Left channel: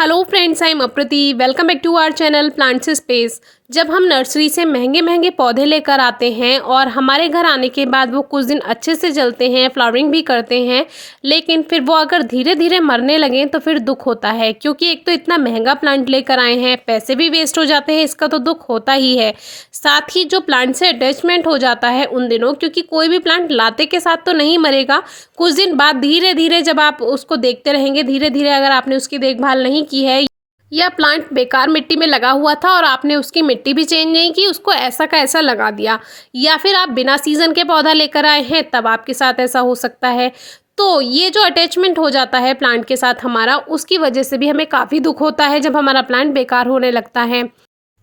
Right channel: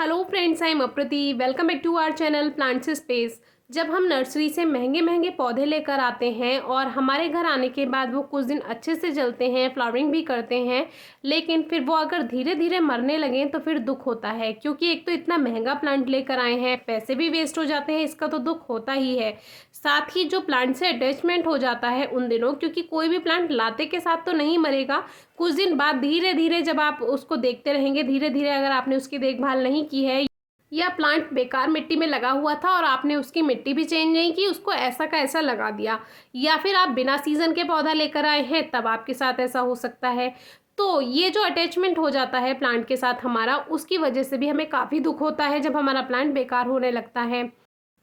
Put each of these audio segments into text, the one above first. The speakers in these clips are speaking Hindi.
Hello friends, I am Aprati. Welcome back to our channel plants space. जब हम नर्सरी से महंगे महंगे पौधे लेकर आते हैं और हमारे घर आने के बाद वो कुछ दिन अच्छे से चलते हैं, फ्लावरिंग भी करते हैं, लेकिन फिर वो अगर धीरे धीरे मरने लगें तो फिर दुख होता है। क्योंकि एक तो इतना महंगा प्लांट लेकर आए हैं, पैसे भी वेस्ट हो जाते हैं, इसका तो दुख होता ही है। साथ ही जो प्लांट से अटैचमेंट हो जाता है उन दिनों, क्योंकि कोई भी प्लांट लाते के साथ तो नहीं मरेगा, कुछ दिन बाद धीरे धीरे जब आप उसको देखते रहेंगे, धीरे धीरे अगर आपने उसकी देखभाल नहीं की है या प्लांट बेकार मिट्टी में लगा हुआ था और आपने उसकी मिट्टी भी चेंज नहीं की, उसको ऐसा का ऐसा लगा दिया, या फिर आप बिना सीजन के पौधा लेकर आए हैं, तब आपके साथ ऐसा हो सकता है। तो ये जो अटैचमेंट हो जाता है प्लांट के साथ हमारा, उसकी वजह से भी हमें काफ़ी दुख होता है जब हमारा प्लांट बेकार होने लगता है।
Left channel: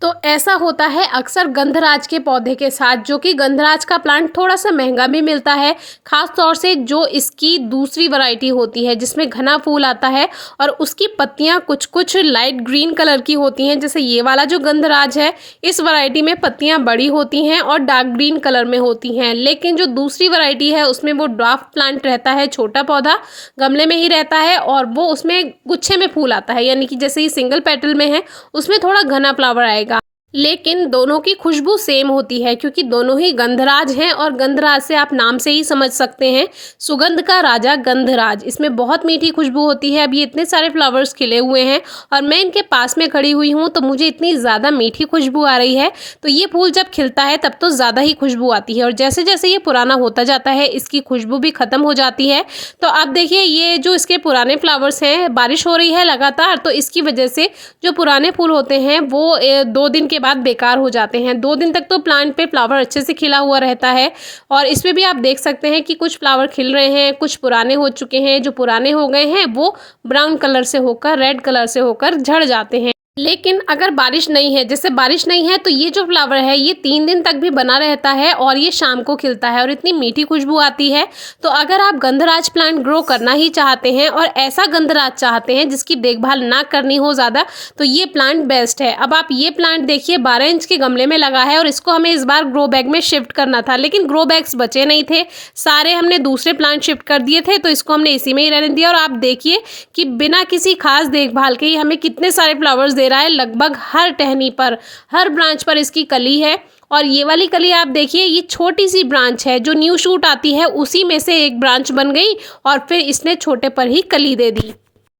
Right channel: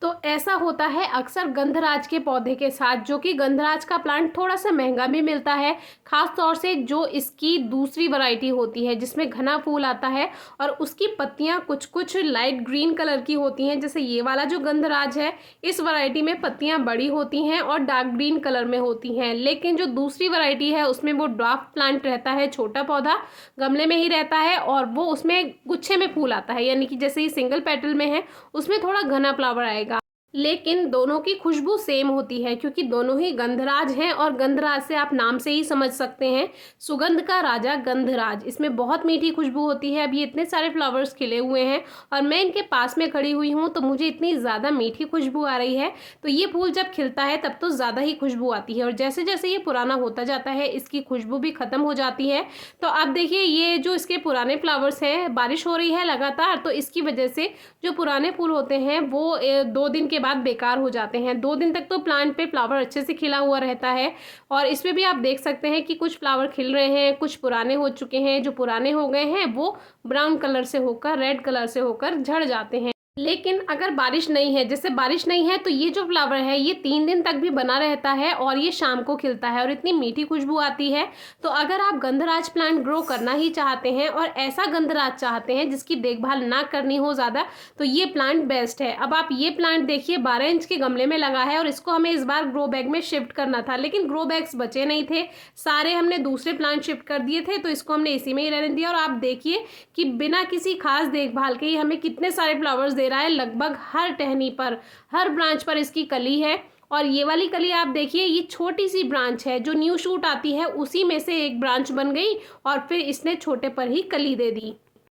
तो ऐसा होता है अक्सर गंधराज के पौधे के साथ, जो कि गंधराज का प्लांट थोड़ा सा महंगा भी मिलता है, ख़ास तौर से जो इसकी दूसरी वैरायटी होती है जिसमें घना फूल आता है और उसकी पत्तियां कुछ कुछ लाइट ग्रीन कलर की होती हैं। जैसे ये वाला जो गंधराज है, इस वैरायटी में पत्तियां बड़ी होती हैं और डार्क ग्रीन कलर में होती हैं, लेकिन जो दूसरी वैरायटी है उसमें वो ड्वार्फ प्लांट रहता है, छोटा पौधा गमले में ही रहता है और वो उसमें गुच्छे में फूल आता है, यानी कि जैसे ये सिंगल पेटल में है उसमें थोड़ा घना फ्लावर आएगा। लेकिन दोनों की खुशबू सेम होती है, क्योंकि दोनों ही गंधराज हैं और गंधराज से आप नाम से ही समझ सकते हैं, सुगंध का राजा गंधराज। इसमें बहुत मीठी खुशबू होती है। अब ये इतने सारे फ्लावर्स खिले हुए हैं और मैं इनके पास में खड़ी हुई हूँ तो मुझे इतनी ज़्यादा मीठी खुशबू आ रही है। तो ये फूल जब खिलता है तब तो ज़्यादा ही खुशबू आती है और जैसे जैसे ये पुराना होता जाता है इसकी खुशबू भी ख़त्म हो जाती है। तो आप देखिए, ये जो इसके पुराने फ्लावर्स हैं, बारिश हो रही है लगातार, तो इसकी वजह से जो पुराने फूल होते हैं वो 2 दिन के बाद बेकार हो जाते हैं। 2 दिन तक तो प्लांट पे फ्लावर अच्छे से खिला हुआ रहता है और इसमें भी आप देख सकते हैं कि कुछ फ्लावर खिल रहे हैं, कुछ पुराने हो चुके हैं। जो पुराने हो गए हैं वो ब्राउन कलर से होकर, रेड कलर से होकर झड़ जाते हैं। लेकिन अगर बारिश नहीं है, जैसे बारिश नहीं है, तो ये जो फ्लावर है ये 3 दिन तक भी बना रहता है और ये शाम को खिलता है और इतनी मीठी खुशबू आती है। तो अगर आप गंधराज प्लांट ग्रो करना ही चाहते हैं और ऐसा गंधराज चाहते हैं जिसकी देखभाल ना करनी हो ज़्यादा, तो ये प्लांट बेस्ट है। अब आप ये प्लांट देखिए, 12 इंच के गमले में लगा है और इसको हमें इस बार ग्रो बैग में शिफ्ट करना था, लेकिन ग्रो बैग्स बचे नहीं थे, सारे हमने दूसरे प्लांट शिफ्ट कर दिए थे, तो इसको हमने इसी में ही रहने दिया। और आप देखिए कि बिना किसी खास देखभाल के ही हमें कितने सारे फ्लावर्स दे रहा है। लगभग हर टहनी पर, हर ब्रांच पर इसकी कली है। और ये वाली कली आप देखिए, ये छोटी सी ब्रांच है, जो न्यू शूट आती है उसी में से एक ब्रांच बन गई और फिर इसने छोटे पर ही कली दे दी।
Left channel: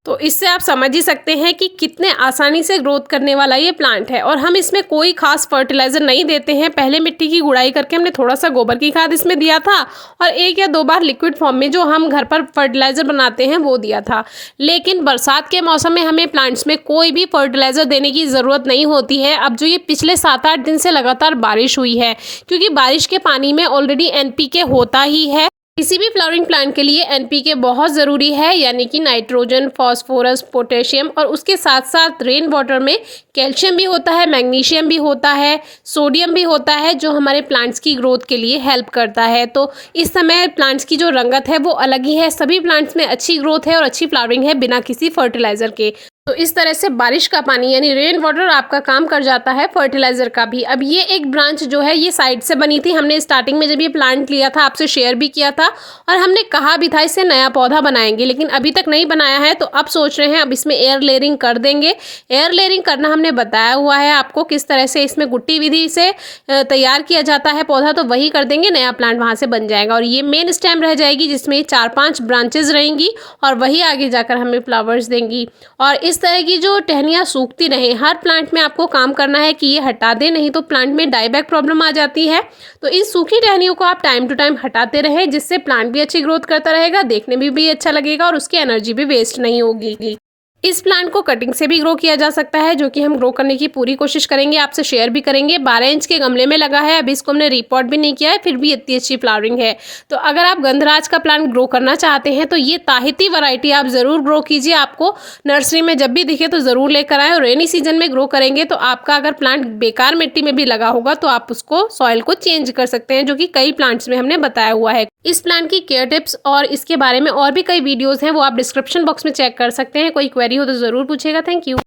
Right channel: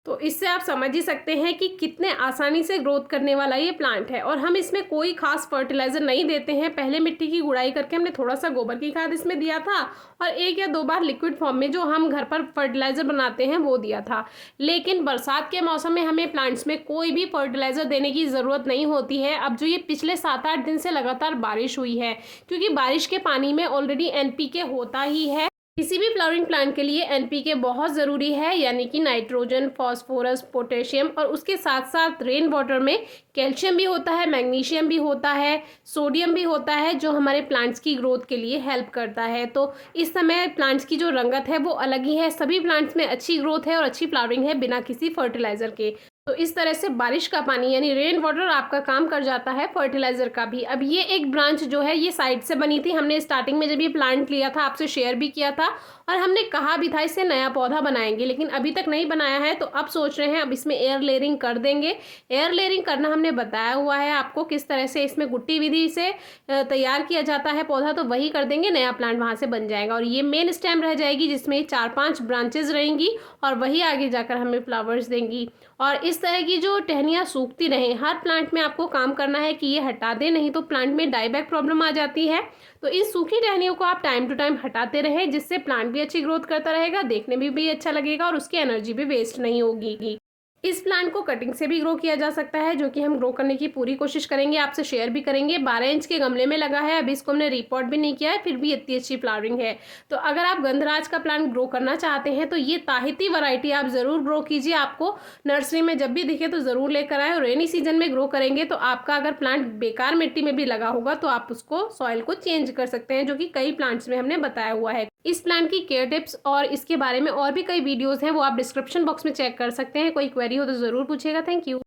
तो इससे आप समझ ही सकते हैं कि कितने आसानी से ग्रोथ करने वाला ये प्लांट है। और हम इसमें कोई खास फर्टिलाइज़र नहीं देते हैं। पहले मिट्टी की गुड़ाई करके हमने थोड़ा सा गोबर की खाद इसमें दिया था और 1 या 2 बार लिक्विड फॉर्म में जो हम घर पर फर्टिलाइज़र बनाते हैं वो दिया था। लेकिन बरसात के मौसम में हमें प्लांट्स में कोई भी फर्टिलाइज़र देने की ज़रूरत नहीं होती है। अब जो ये पिछले 7-8 दिन से लगातार बारिश हुई है, क्योंकि बारिश के पानी में ऑलरेडी NPK होता ही है। किसी भी फ्लावरिंग प्लांट के लिए NPK बहुत ज़रूरी है, यानी कि नाइट्रोजन, फॉस्फोरस, पोटेशियम, और उसके साथ साथ रेन वाटर में कैल्शियम भी होता है, मैग्नीशियम भी होता है, सोडियम भी होता है, जो हमारे प्लांट्स की ग्रोथ के लिए हेल्प करता है। तो इस समय प्लांट्स की जो रंगत है वो अलग ही है। सभी प्लांट्स में अच्छी ग्रोथ है और अच्छी फ्लावरिंग है बिना किसी फर्टिलाइज़र के। तो इस तरह से बारिश का पानी यानी रेन वाटर आपका काम कर जाता है फर्टिलाइज़र का भी। अब ये एक ब्रांच जो है ये साइड से बनी थी। हमने स्टार्टिंग में जब ये प्लांट लिया था आपसे शेयर भी किया था और हमने कहा भी था इससे नया पौधा बनाएंगे, लेकिन अभी तक नहीं बनाया है। तो अब सोच रहे हैं अब इसमें एयर लेयरिंग कर देंगे। एयर लेयरिंग करना हमने बताया हुआ है आपको, किस तरह से इसमें गुट्टी विधि से तैयार किया जाता है पौधा, तो वही कर देंगे, नया प्लांट वहाँ से बन जाएगा। और ये मेन स्टेम रह जाएगी जिसमें 4-5 ब्रांचेज रहेंगी और वही आगे जाकर हमें फ्लावर्स देंगी। और इस तरह की जो टहनियाँ सूखती रहें, हर प्लांट में आपको काम करना है कि ये हटा दें, नहीं तो प्लांट में डाईबैक प्रॉब्लम आ जाती है। तो इन सूखी टहनियों को आप टाइम टू टाइम हटाते रहें, जिससे प्लांट भी अच्छी ग्रोथ करता रहेगा, देखने में भी अच्छा लगेगा और उसकी एनर्जी भी वेस्ट नहीं होगी। इस प्लांट को कटिंग से भी ग्रो किया जा सकता है, जो कि हम ग्रो करने की पूरी कोशिश करेंगे, आपसे शेयर भी करेंगे। 12 इंच के गमले में लगा है, अभी इसको हमने रिपोर्ट भी नहीं किया है, फिर भी इतनी अच्छी फ्लावरिंग है। तो अगर आप गंधराज का प्लांट ग्रो करना चाहते हैं तो ये ताहिती वैरायटी आप ज़रूर ग्रो कीजिए। आपको नर्सरी में जब भी दिखे तो ज़रूर लेकर आए। और रेनी सीजन में ग्रो करेंगे तो आपका अगर प्लांट बेकार मिट्टी में भी लगा होगा तो आप उसको सॉइल को चेंज कर सकते हैं, जो कि कई प्लांट्स में हमने बताया हुआ है। इस प्लांट की केयर टिप्स और इसके बारे में और भी कई वीडियोज़ हैं, वो आप डिस्क्रिप्शन बॉक्स में चेक कर सकते हैं। कोई क्वेरी हो तो ज़रूर पूछेगा। Thank you.